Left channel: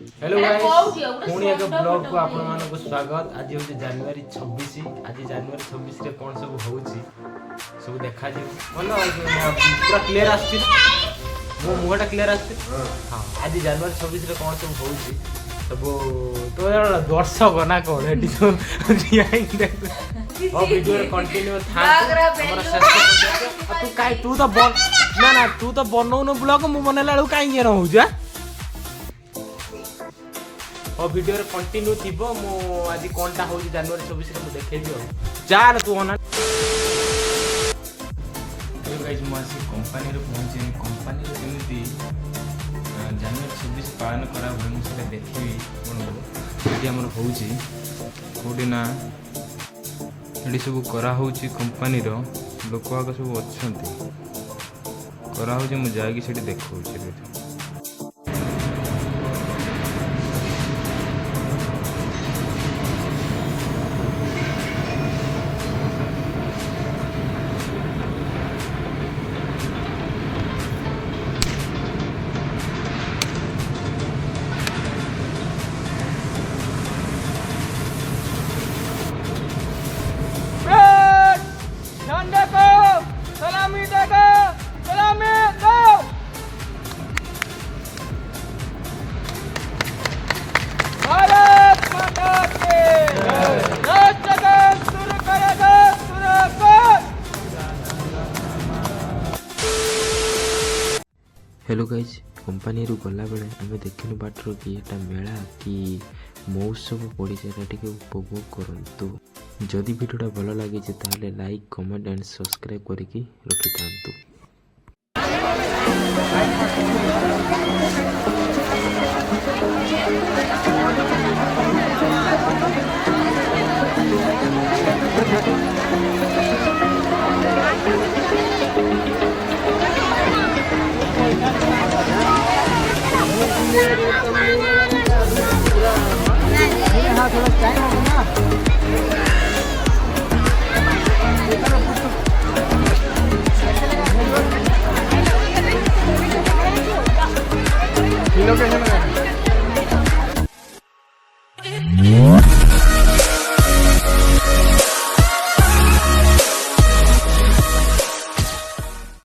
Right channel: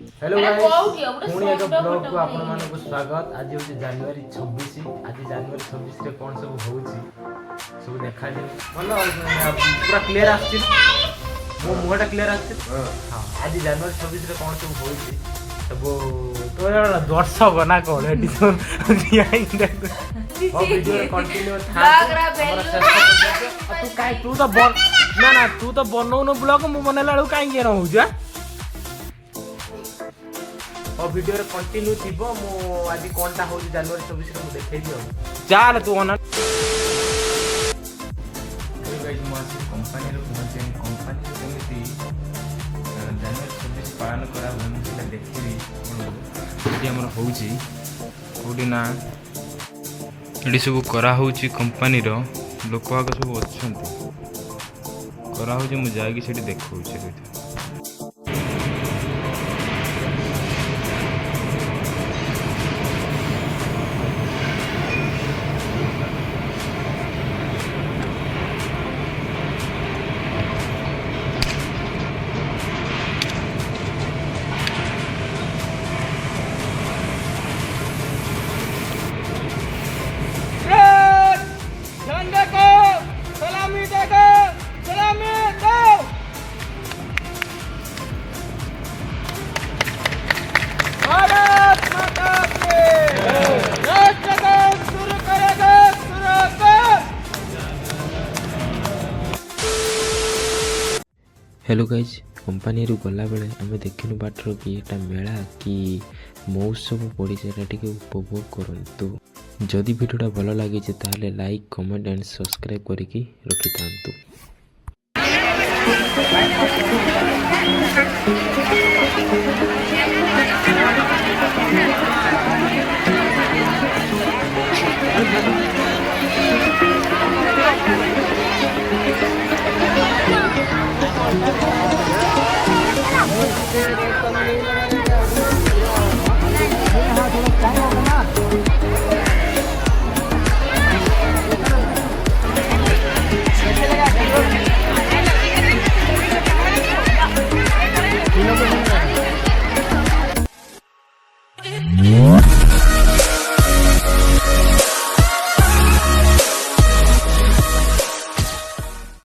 Hello guys पुणी एक blog को आपण मानक स्वागत। आज हूँ जनवरी 26। आज जनवरी 26 रे कौन सब होउची सब देखा जे भल पूरा क्लियर आछि मो मुहटा क्लियर आछि। हां आज जनवरी 26 रे कौन सब होउची सब तो दर्शक ना कौन एडी तो रियाइन देख और वीडियो रे कंटिन्यू था हमरा श्रेष्ठ तू काई तू तो बन ना ना तू तो बनौ न ब्लॉग मु बनेला लउ काई जे रहउ जा और वीडियो रे कंटिन्यू थिबो मो आज कोनटा हो जनवरी 26 रे मु देखै दियो चल तू ओना ए गाइस मु आज कंपनी रे पहुंचे कंपनी रे केमिति जनवरी 26 पालन करा भल मु सेटा देखि कोन हमर होउची कोडी ना एडी सब करा होउची कंपनी रो लोक आग सब अछंती करा होउची मु जाई सेठी देखौची रे। हेलो गाइज कंपनी रु गला बेले आम देखिनु बाटर कि एटा मेला कि महोत्सव पड़ी टे उपभोग करंतु। जदि वीडियोटा भल लगी ताहले लाइक कमेंट एंड सब्सक्राइब करके रखि थांतु।